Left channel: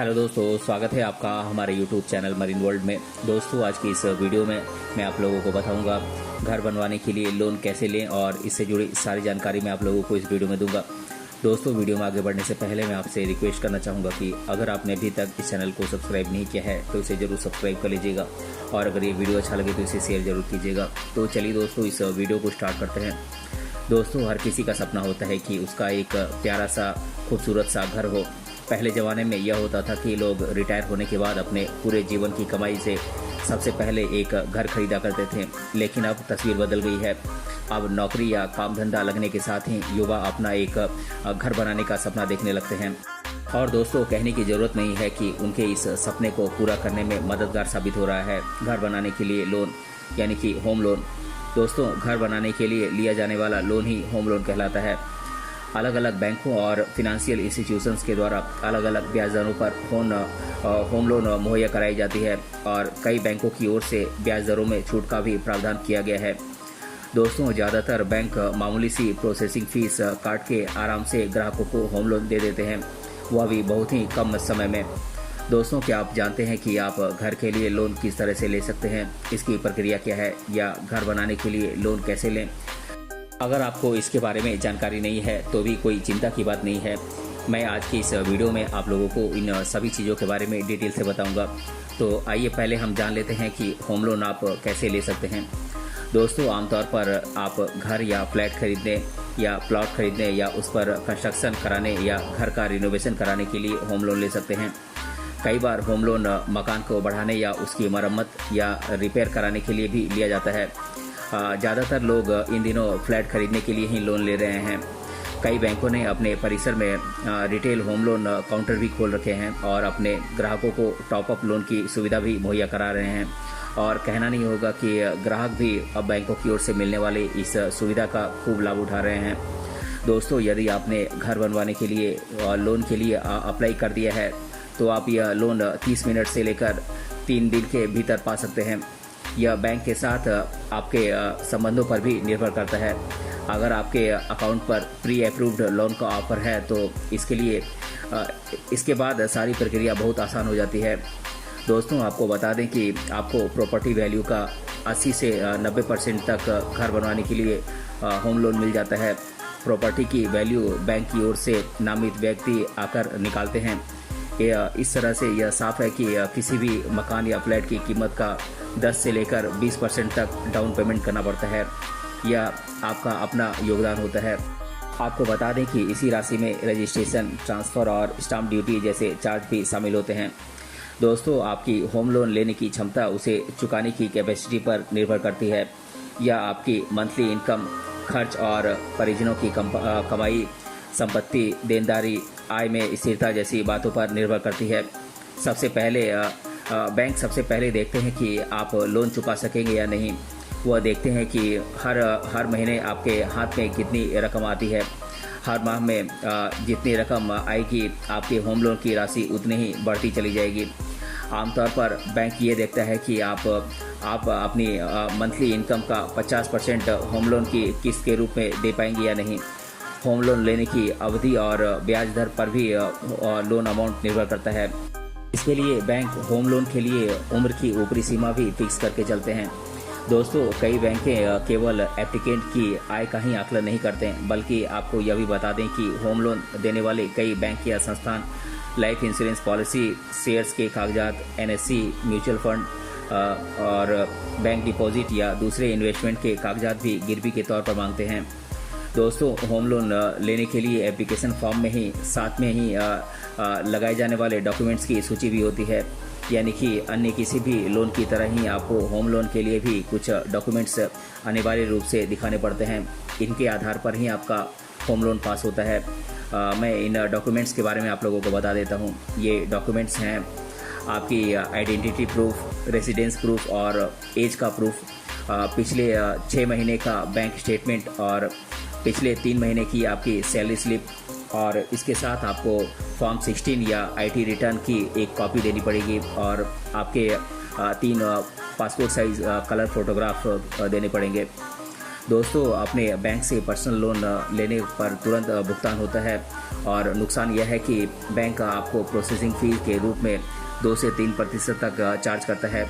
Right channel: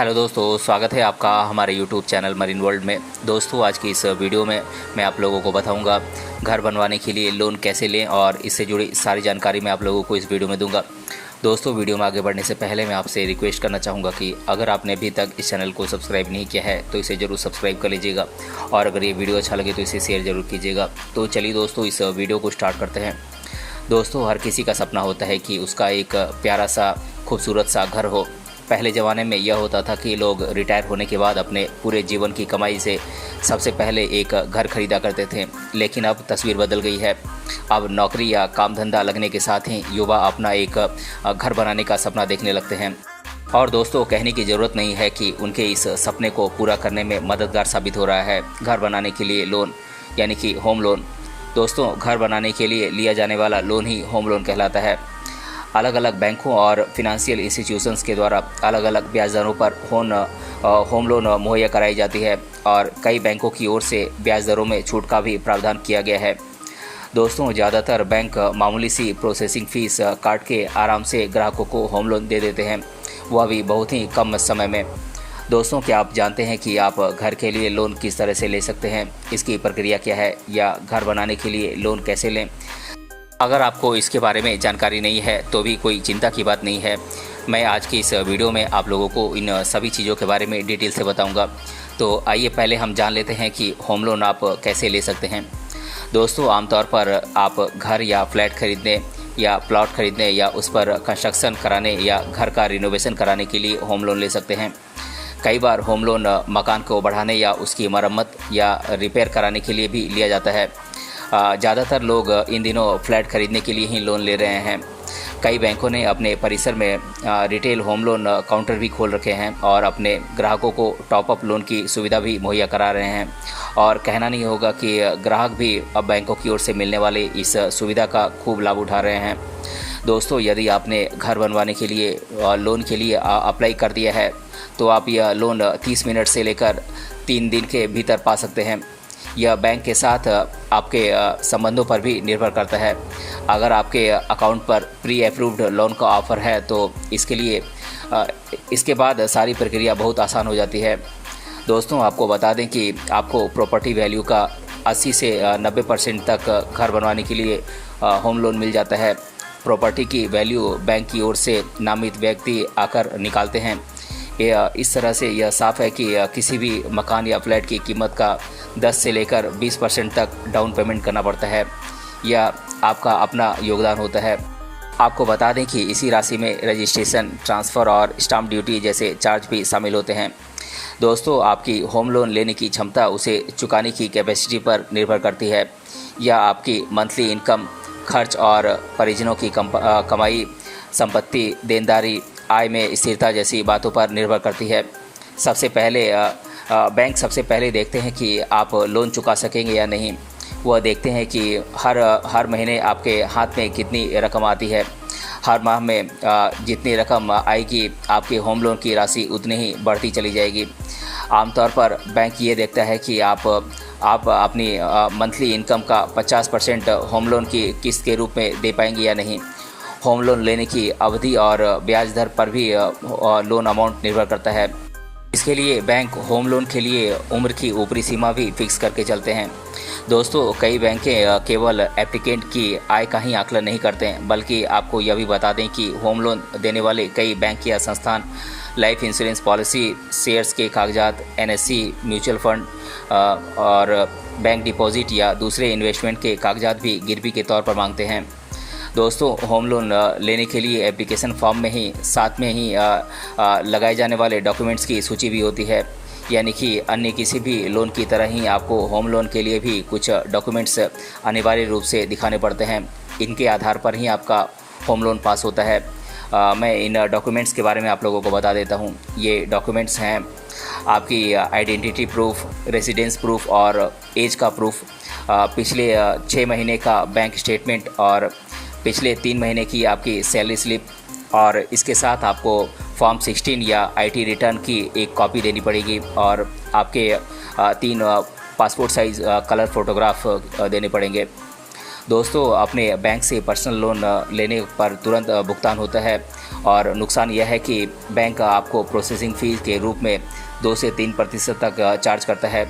Hello दोस्तों, स्वागत है आपका हमारे यूट्यूब चैनल मरीन वर्ल्ड में। दोस्तों, आज की इस वीडियो में मैं आप लोगों को बताऊंगा घर बनवाने के लिए लोन कैसे लें और इससे जुड़ी सारी जानकारी मैं आप लोगों को इस वीडियो में दूंगा। दोस्तों, वीडियो में आगे बढ़ने से पहले मैं आपसे रिक्वेस्ट करना चाहूँगा कि अगर आपने अभी तक इस चैनल को सब्सक्राइब नहीं किया है तो इसे ज़रूर सब्सक्राइब कर लीजिएगा और अगर ये वीडियो अच्छा लगे तो इसे शेयर ज़रूर कीजिएगा। तो चलिए दोस्तों, इस वीडियो को स्टार्ट करते हैं। दोस्तों, हर किसी का सपना होता है कि उसका एक प्यारा सा खूबसूरत सा घर हो। पहले ज़माने में यह होता था कि लोग रिटायर होने के बाद अपने पूरे जीवन की कमाई से सबसे पहले एक घर खरीदा करते थे, लेकिन अब तस्वीर बदल गई है। अब नौकरी या काम धंधा लगने के साथ ही युवा अपना एक घर बनाने का सपना देखने लगते हैं। और दोस्तों, कहने की ज़रूरत नहीं है कि उनके इस सपने को पूरा करने में मददगार साबित हो रहा है घर बनाने के लिए लोन, यानी कि होम लोन। दोस्तों, घर बनाने के लिए लिया जाने वाला लोन ही होम लोन कहलाता है। अलग अलग बैंकों और फिनेंशियल इंस्टीट्यूशंस के द्वारा अलग अलग ब्याज दरों पर होम लोन मुहैया कराई जाती है और कई बैंकों की ओर से ब्याज दरों में छूट का भी प्रावधान किया गया है। दोस्तों, ज़्यादातर बैंक मामूली सी प्रोसेसिंग फ़ीस काट के आराम से ग्राहकों को होम लोन दे देते हैं, वह भी बहुत ही कम समय में। दोस्तों, क्या आप जानते हैं कि आप घर के लिए लोन किस तरह से ले सकते हैं, इसकी प्रक्रिया क्या है, या घर बनाने के लिए लोन कैसे लें? अगर आपको इसके बारे में जानकारी नहीं है तो भी कोई चिंता की बात नहीं है। मैं आज की इस वीडियो में आप लोगों को इन सभी चीज़ों के बारे में डिटेल से बताऊंगा। तो आइए पहले हम जान लेते हैं कि होम लोन आप कैसे ले सकते हैं। दोस्तों, आमतौर पर आप घर या फ्लैट खरीदने या प्लॉट खरीदने या उस पर कंस्ट्रक्शन कराने या घर का रिनोवेशन कराने के लिए होम लोन ले सकते हैं। कई बार होम लोन मकान को बढ़ाने या उसकी मरम्मत या रिपेयर कराने के लिए भी लिया जाता है। ज़्यादातर लोग इन दिनों फ्लैट खरीदने के लिए ही लोन ले रहे हैं। कई बैंकों ने अपने परिसर में रिटेल होम लोन काउंटर भी खोल रखे हैं और अपने ग्राहकों को टॉप अप लोन की सुविधा भी मुहैया करा रहे हैं। और कहना नहीं होगा कि ग्राहक भी अब बैंकों की ओर से मिलने वाले इस सुविधा का खूब लाभ उठा रहे हैं। दोस्तों, यदि आपने घर बनवाने के लिए लोन के लिए अप्लाई कर दिया है तो आप यह लोन 30 मिनट से लेकर 3 दिन के भीतर पा सकते हैं। यह बैंक के साथ आपके संबंधों पर भी निर्भर करता है। अगर आपके अकाउंट पर प्री अप्रूव्ड लोन का ऑफ़र है तो इसके बाद सारी प्रक्रिया बहुत आसान हो जाती है। दोस्तों, आपको बता दें कि आपको प्रॉपर्टी वैल्यू का 80 से 90% तक घर बनवाने के लिए होम लोन मिल जाता है। प्रॉपर्टी की वैल्यू बैंक की ओर से नामित व्यक्ति आकर निकालते हैं। इस तरह से यह साफ है कि किसी भी मकान या फ्लैट की कीमत का 10 से लेकर 20% तक डाउन पेमेंट करना पड़ता है। यह आपका अपना योगदान होता है। आपको बता दें कि इसी राशि में रजिस्ट्रेशन, ट्रांसफ़र और स्टाम्प ड्यूटी जैसे चार्ज भी शामिल होते हैं। दोस्तों, आपकी होम लोन लेने की क्षमता उसे चुकाने की कैपेसिटी पर निर्भर करती है। यह आपकी मंथली इनकम, खर्च और परिजनों की कमाई, संपत्ति, देनदारी, आय में स्थिरता जैसी बातों पर निर्भर करती है। बैंक सबसे पहले देखते हैं कि आप लोन चुका सकेंगे या नहीं। वह देखते हैं कि हर महीने आपके हाथ में कितनी रकम आती है। हर माह में जितनी रकम आएगी आपके होम लोन की राशि उतनी ही बढ़ती चली जाएगी। आमतौर पर बैंक ये देखता है कि आप अपनी मंथली इनकम का 50% होम लोन की किस्त के रूप में दे पाएंगे या नहीं। होम लोन लेने की अवधि और ब्याज दर पर भी लोन अमाउंट निर्भर करता है। इसके लिए बैंक होम लोन के लिए उम्र की ऊपरी सीमा भी फिक्स करके चलते हैं। दोस्तों, कई बैंकें केवल एप्लीकेंट की आय का ही आकलन नहीं करते हैं, बल्कि आपको यह भी बता दें कि होम लोन देने वाले कई बैंक या संस्थान लाइफ इंश्योरेंस पॉलिसी, शेयर्स के कागजात, एनएससी, म्यूचुअल फंड और बैंक डिपॉजिट या दूसरे इन्वेस्टमेंट के कागजात भी गिरवी के तौर पर मांगते हैं। दोस्तों, होम लोन लेने के लिए एप्लीकेशन फॉर्म में ही साथ में ही लगाए जाने वाले डॉक्यूमेंट्स की सूची भी होती है, यानी कि अन्य किसी भी लोन की तरह ही आपको होम लोन के लिए भी कुछ डॉक्यूमेंट्स अनिवार्य रूप से दिखाने पड़ते हैं। इनके आधार पर ही आपका होम लोन पास होता है। मैं इन डॉक्यूमेंट्स के बारे में आप लोगों को बता देता हूँ। ये डॉक्यूमेंट्स हैं आपकी आइडेंटिटी प्रूफ, रेसिडेंस प्रूफ और एज का प्रूफ, पिछले 6 महीने का बैंक स्टेटमेंट और पिछले 3 महीने की आपकी सैलरी स्लिप, और इसके साथ आपको फॉर्म 16 या आईटी रिटर्न की एक कॉपी देनी पड़ेगी और आपके 3 पासपोर्ट साइज़ कलर फ़ोटोग्राफ देने पड़ेंगे। दोस्तों अपने बैंक से पर्सनल लोन लेने पर तुरंत भुगतान होता है और नुकसान यह है कि बैंक आपको प्रोसेसिंग फ़ीस के रूप में 2 से 3% तक चार्ज करता है।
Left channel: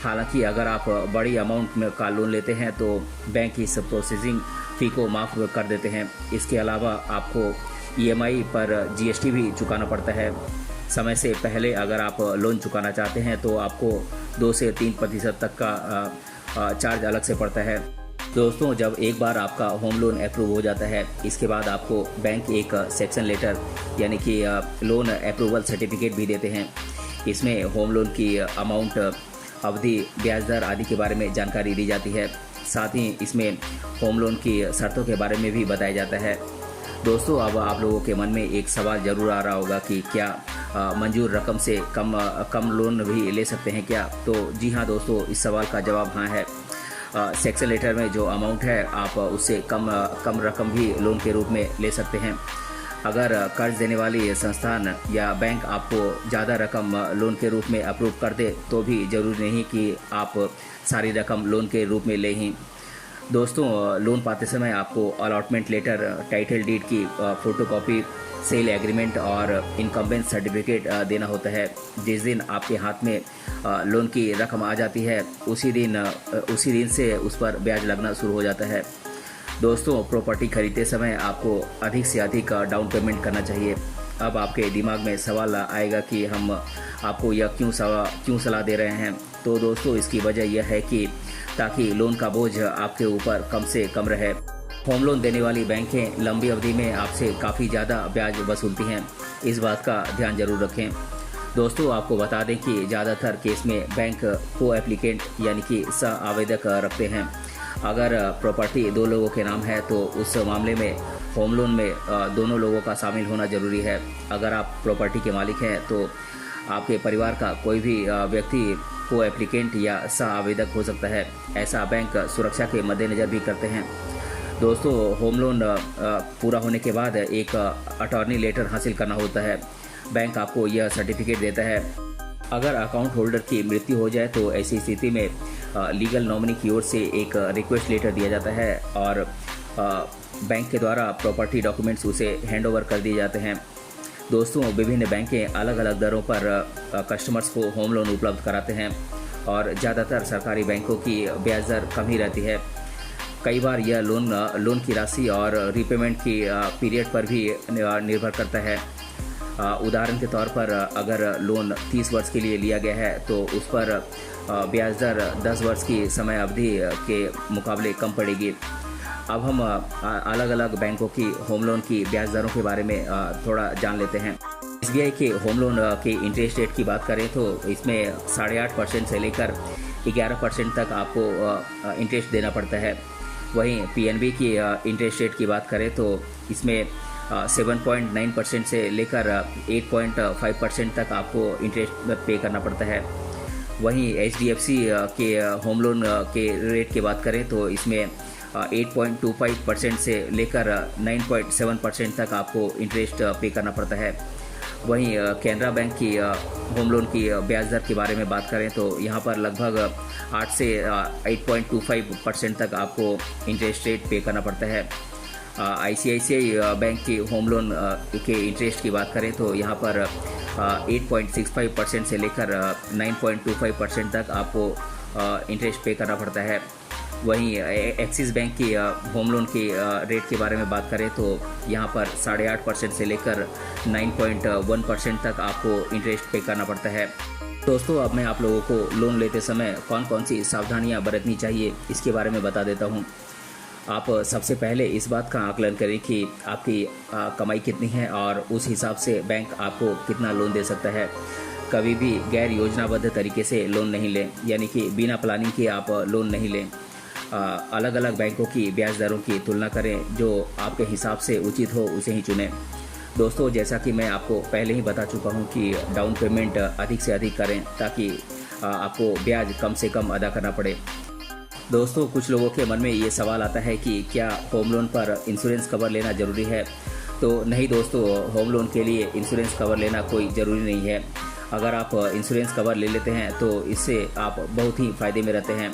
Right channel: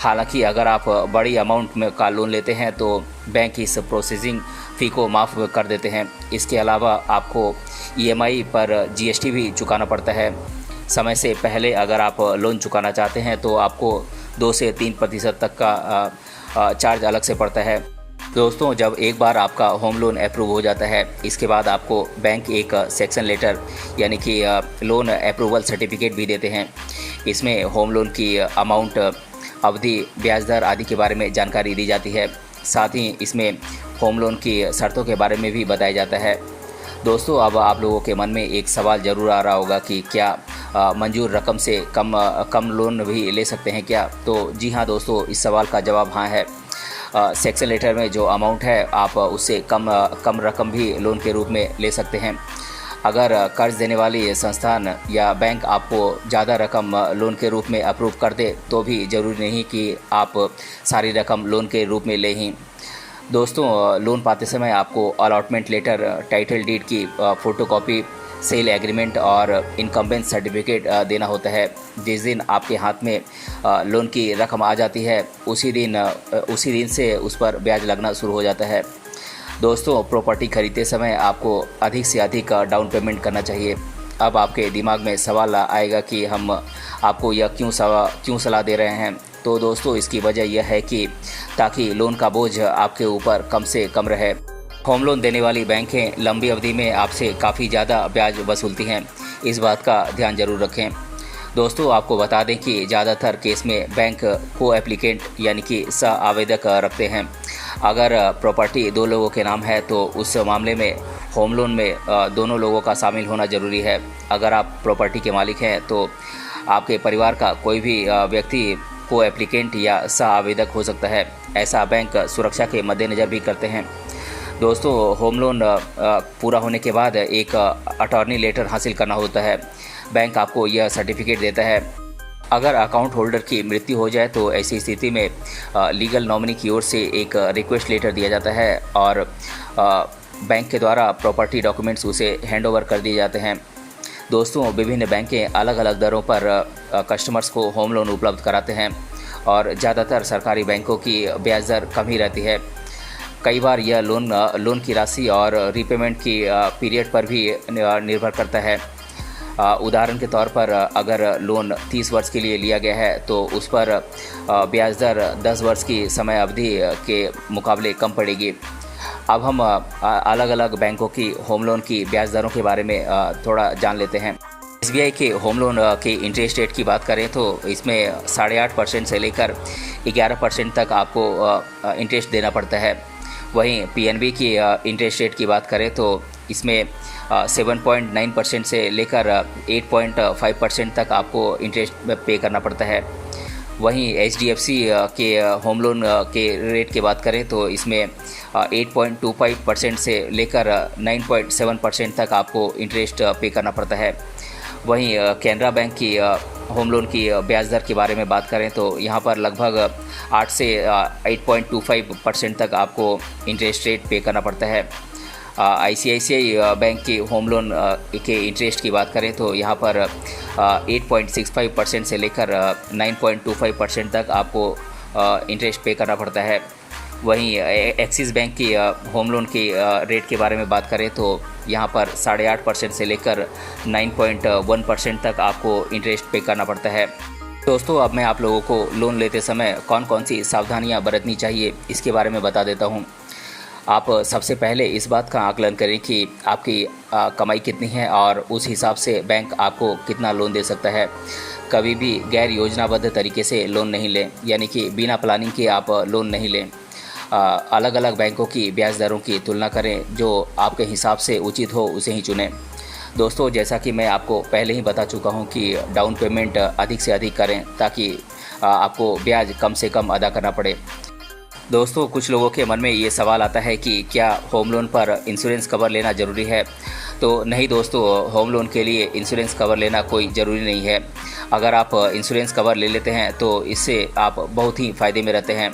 हालांकि अगर आप बड़ी अमाउंट में का लोन लेते हैं तो बैंक इस प्रोसेसिंग फ़ी को माफ़ कर देते हैं। इसके अलावा आपको EMI पर GST भी चुकाना पड़ता है। समय से पहले अगर आप लोन चुकाना चाहते हैं तो आपको 2 से 3% तक का चार्ज अलग से पड़ता है। दोस्तों जब एक बार आपका होम लोन अप्रूव हो जाता है, इसके बाद आपको बैंक एक सेक्शन लेटर यानी कि लोन अप्रूवल सर्टिफिकेट भी देते हैं। इसमें होम लोन की अमाउंट, अवधि, ब्याज दर आदि के बारे में जानकारी दी जाती है। साथ ही इसमें होम लोन की शर्तों के बारे में भी बताया जाता है। दोस्तों अब आप लोगों के मन में एक सवाल ज़रूर आ रहा होगा कि क्या मंजूर रकम से कम लोन भी ले सकते हैं क्या? तो जी हाँ दोस्तों, इस सवाल का जवाब हाँ है। सेक्शन लेटर में जो अमाउंट है आप उससे कम रकम भी लोन के रूप में ले सकते हैं। अगर कर्ज देने वाली संस्थान या बैंक आपको ज़्यादा रकम लोन के रूप में अप्रूव कर दे तो भी ज़रूरी नहीं कि आप सारी रकम लोन के रूप में लें ही। दोस्तों लोन पाते समय आपको अलॉटमेंट लेटर, टाइटल डीड की फ़ोटोकॉपी, सेल एग्रीमेंट और इनकम्बेंस सर्टिफिकेट देना होता है। जिस दिन आपके हाथ में लोन की रकम आ जाती है उसी दिन से उस पर ब्याज लगना शुरू हो जाता है। दोस्तों प्रॉपर्टी खरीदते समय आपको अधिक से अधिक डाउन पेमेंट करना चाहिए। अब आपके दिमाग में सवाल आएगा कि हम आपको यह क्यों सलाह दे रहे हैं? तो दोस्तों इसकी वजह यह है कि ताकि लोन का बोझ आपके ऊपर कम से कम रहे। होम लोन देने वाली बैंकें लंबी अवधि में आपसे काफ़ी ज़्यादा ब्याज वसूलती हैं, इस बात का ध्यान जरूर रखें। दोस्तों आपको बता दें कि ज़्यादातर केस में बैंक को एप्लीकेंट यानी कि सह आवेदक रखते हैं। अगर प्रॉपर्टी 2 लोगों के नाम है तो उस मामले में होम लोन में दोनों लोगों का शामिल होना ज़रूरी है। अगर आप प्रॉपर्टी के मालिक हैं तो आपके परिवार का कोई भी व्यक्ति को एप्लीकेंट या सह आवेदक हो सकता है। ऐसा बैंक सुरक्षा के मद्देनज़र भी करते हैं। दोस्तों होम लोन पूरा होने के बाद एक अटॉर्नी लेटर हासिल करना होता है। बैंक आपको यह सर्टिफिकेट देता है। अगर अकाउंट होल्डर की मृत्यु हो जाए तो ऐसी स्थिति में लीगल नॉमिनी की ओर से एक रिक्वेस्ट लेटर दिया जाता है और बैंक के द्वारा प्रॉपर्टी डॉक्यूमेंट्स उसे हैंडओवर कर दिए जाते हैं। दोस्तों विभिन्न बैंकें अलग अलग दरों पर कस्टमर्स को होम लोन उपलब्ध कराते हैं और ज़्यादातर सरकारी बैंकों की ब्याज दर कम ही रहती है। कई बार यह लोन की राशि और रीपेमेंट की पीरियड पर भी निर्भर करता है। उदाहरण के तौर पर अगर लोन 30 वर्ष के लिए लिया गया है तो उस पर ब्याज दर 10 वर्ष की समय अवधि के मुकाबले कम पड़ेगी। अब हम अलग अलग बैंकों की होम लोन की ब्याज दरों के बारे में थोड़ा जान लेते हैं। SBI के होम लोन के इंटरेस्ट रेट की बात करें तो इसमें 8.5% से लेकर 11% तक आपको इंटरेस्ट देना पड़ता है। वहीं PNB की इंटरेस्ट रेट की बात करें तो इसमें 7.9% से लेकर 8.5% तक आपको इंटरेस्ट पे करना पड़ता है। वहीं HDFC के होम लोन के रेट की बात करें तो इसमें 8.25% से लेकर 9.7% तक आपको इंटरेस्ट पे करना पड़ता है। वहीं कैनरा बैंक की होम लोन की ब्याज दर के बारे में बात करें तो यहाँ पर लगभग 8 से 8.25% तक आपको इंटरेस्ट रेट पे करना पड़ता है। ICICI बैंक की होम लोन के इंटरेस्ट की बात करें तो यहाँ पर 8.65% से लेकर 9.25% तक आपको इंटरेस्ट पे करना पड़ता है। वहीं एक्सिस बैंक की होम लोन की रेट के बारे में बात करें तो यहाँ पर 8.5% से लेकर 9.1% तक आपको इंटरेस्ट पे करना पड़ता है। दोस्तों अब मैं आप लोगों को लोन लेते समय कौन कौन सी सावधानियाँ बरतनी चाहिए इसके बारे में बता देता हूँ। आप सबसे पहले इस बात का आकलन करें कि आपकी कमाई कितनी है और उस हिसाब से बैंक आपको कितना लोन दे सकता है। कभी भी गैर योजनाबद्ध तरीके से लोन नहीं लें, यानी कि बिना प्लानिंग के आप लोन नहीं लें। अलग अलग बैंकों की ब्याज दरों की तुलना करें, जो आपके हिसाब से उचित हो उसे ही चुनें। दोस्तों जैसा कि मैं आपको पहले ही बता चुका हूं कि डाउन पेमेंट अधिक से अधिक करें ताकि आपको ब्याज कम से कम अदा करना पड़े। दोस्तों कुछ लोगों के मन में ये सवाल आता है कि क्या होम लोन पर इंश्योरेंस कवर लेना ज़रूरी है? तो नहीं दोस्तों, होम लोन के लिए इंश्योरेंस कवर लेना कोई ज़रूरी नहीं है। अगर आप इंश्योरेंस कवर ले लेते हैं तो इससे आप बहुत ही फ़ायदे में रहते हैं।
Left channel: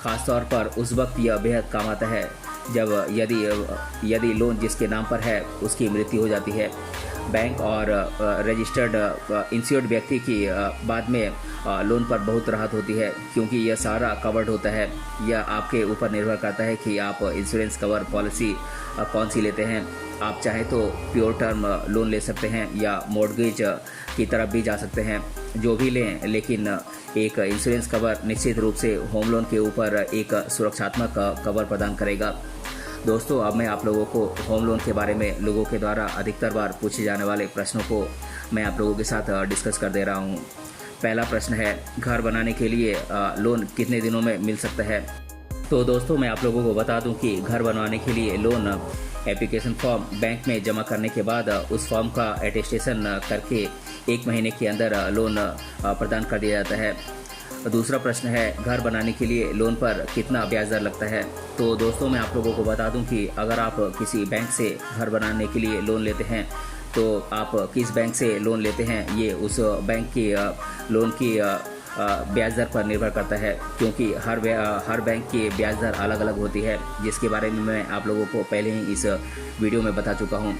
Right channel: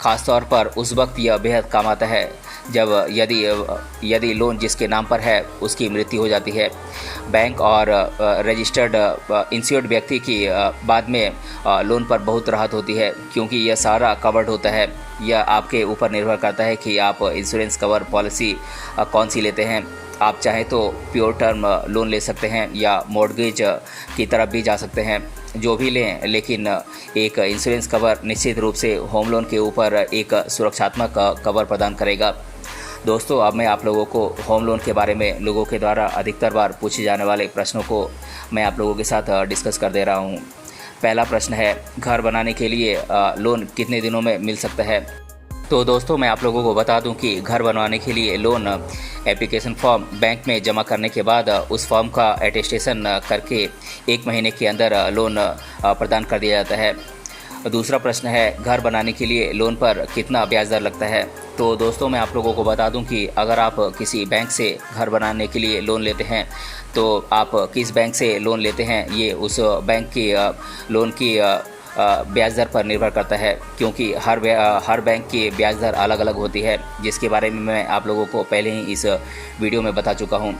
ख़ास तौर पर उस वक्त यह बेहद काम आता है जब यदि लोन जिसके नाम पर है उसकी मृत्यु हो जाती है। बैंक और रजिस्टर्ड इंश्योर्ड व्यक्ति की बाद में लोन पर बहुत राहत होती है, क्योंकि यह सारा कवर्ड होता है। यह आपके ऊपर निर्भर करता है कि आप इंश्योरेंस कवर पॉलिसी कौन सी लेते हैं। आप चाहें तो प्योर टर्म लोन ले सकते हैं या मॉर्गेज की तरफ भी जा सकते हैं। जो भी लें, लेकिन एक इंश्योरेंस कवर निश्चित रूप से होम लोन के ऊपर एक सुरक्षात्मक कवर प्रदान करेगा। दोस्तों, अब मैं आप लोगों को होम लोन के बारे में लोगों के द्वारा अधिकतर बार पूछे जाने वाले प्रश्नों को मैं आप लोगों के साथ डिस्कस कर दे रहा हूँ। पहला प्रश्न है, घर बनाने के लिए लोन कितने दिनों में मिल सकता है। तो दोस्तों, मैं आप लोगों को बता दूं कि घर बनवाने के लिए लोन एप्लीकेशन फॉर्म बैंक में जमा करने के बाद उस फॉर्म का अटेस्टेशन करके 1 महीने के अंदर लोन प्रदान कर दिया जाता है। दूसरा प्रश्न है, घर बनाने के लिए लोन पर कितना ब्याज दर लगता है। तो दोस्तों, मैं आप लोगों को बता दूं कि अगर आप किसी बैंक से घर बनाने के लिए लोन लेते हैं तो आप किस बैंक से लोन लेते हैं ये उस बैंक की लोन की ब्याज दर पर निर्भर करता है, क्योंकि हर बैंक की ब्याज दर अलग अलग होती है, जिसके बारे में मैं आप लोगों को पहले ही इस वीडियो में बता चुका हूँ।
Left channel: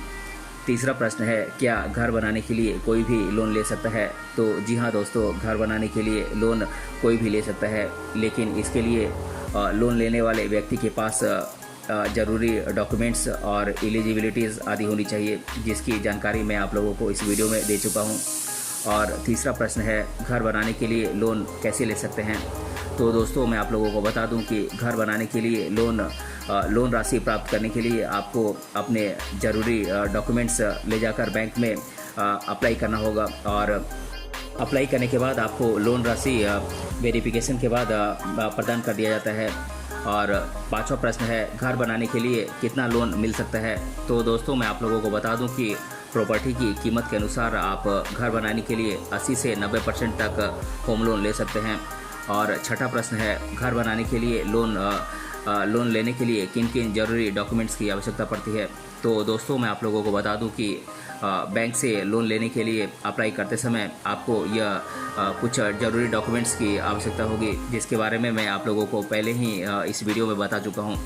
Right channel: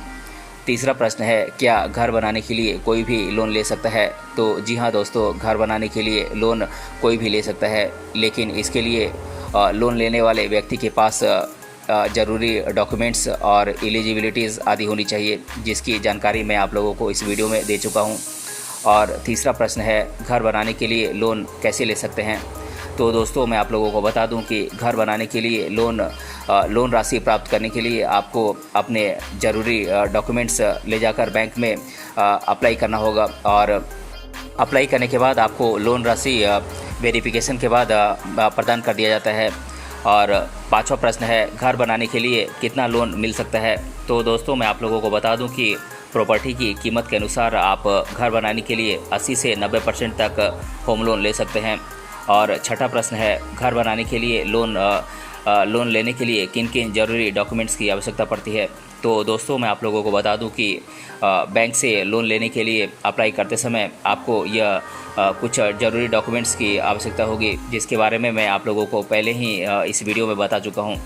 तीसरा प्रश्न है, क्या घर बनाने के लिए कोई भी लोन ले सकता है। तो जी हाँ दोस्तों, घर बनाने के लिए लोन कोई भी ले सकता है, लेकिन इसके लिए लोन लेने वाले व्यक्ति के पास ज़रूरी डॉक्यूमेंट्स और एलिजिबिलिटीज़ आदि होनी चाहिए, जिसकी जानकारी मैं आप लोगों को इस वीडियो में दे चुका हूँ। और तीसरा प्रश्न है, घर बनाने के लिए लोन कैसे ले सकते हैं। तो दोस्तों, मैं आप लोगों को बता दूं कि घर बनाने के लिए लोन राशि प्राप्त करने के लिए आपको अपने ज़रूरी डॉक्यूमेंट्स ले जाकर बैंक में अप्लाई करना होगा, और अप्लाई करने के बाद आपको लोन राशि वेरिफिकेशन के बाद प्रदान कर दिया जाता है। और पांचवा प्रश्न है, घर बनाने के लिए कितना लोन मिल सकता है। तो दोस्तों, मैं आप लोगों को बता दूं कि प्रॉपर्टी की कीमत के अनुसार आप घर बनाने के लिए 80 से 90% तक होम लोन ले सकते हैं। और छठा प्रश्न है, घर बनाने के लिए लोन लेने के लिए किन किन ज़रूरी डॉक्यूमेंट्स की आवश्यकता पड़ती है। तो दोस्तों, मैं आप लोगों को बता दूं कि बैंक से लोन लेने के लिए अप्लाई करते समय आपको यह कुछ ज़रूरी डॉक्यूमेंट्स की आवश्यकता होगी, जिसके बारे में मैं आप लोगों को पहले ही इस वीडियो में बता चुका हूं।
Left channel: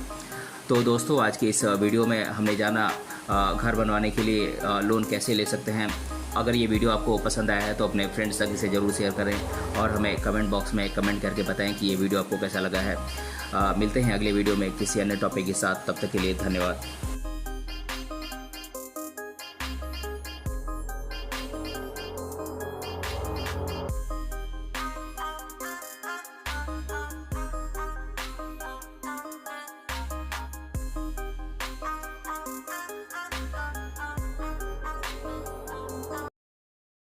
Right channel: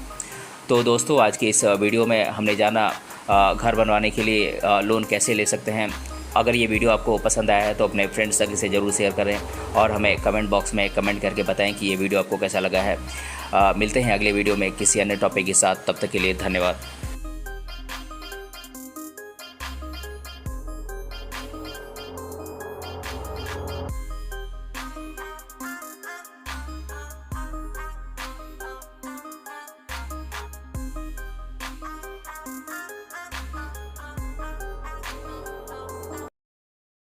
तो दोस्तों, आज की इस वीडियो में हमने जाना घर बनवाने के लिए लोन कैसे ले सकते हैं। अगर ये वीडियो आपको पसंद आया है तो अपने फ्रेंड्स तक इसे ज़रूर शेयर करें और हमें कमेंट बॉक्स में कमेंट करके बताएं कि ये वीडियो आपको कैसा लगा है। मिलते हैं अगले वीडियो में किसी अन्य टॉपिक के साथ, तब तक के लिए धन्यवाद।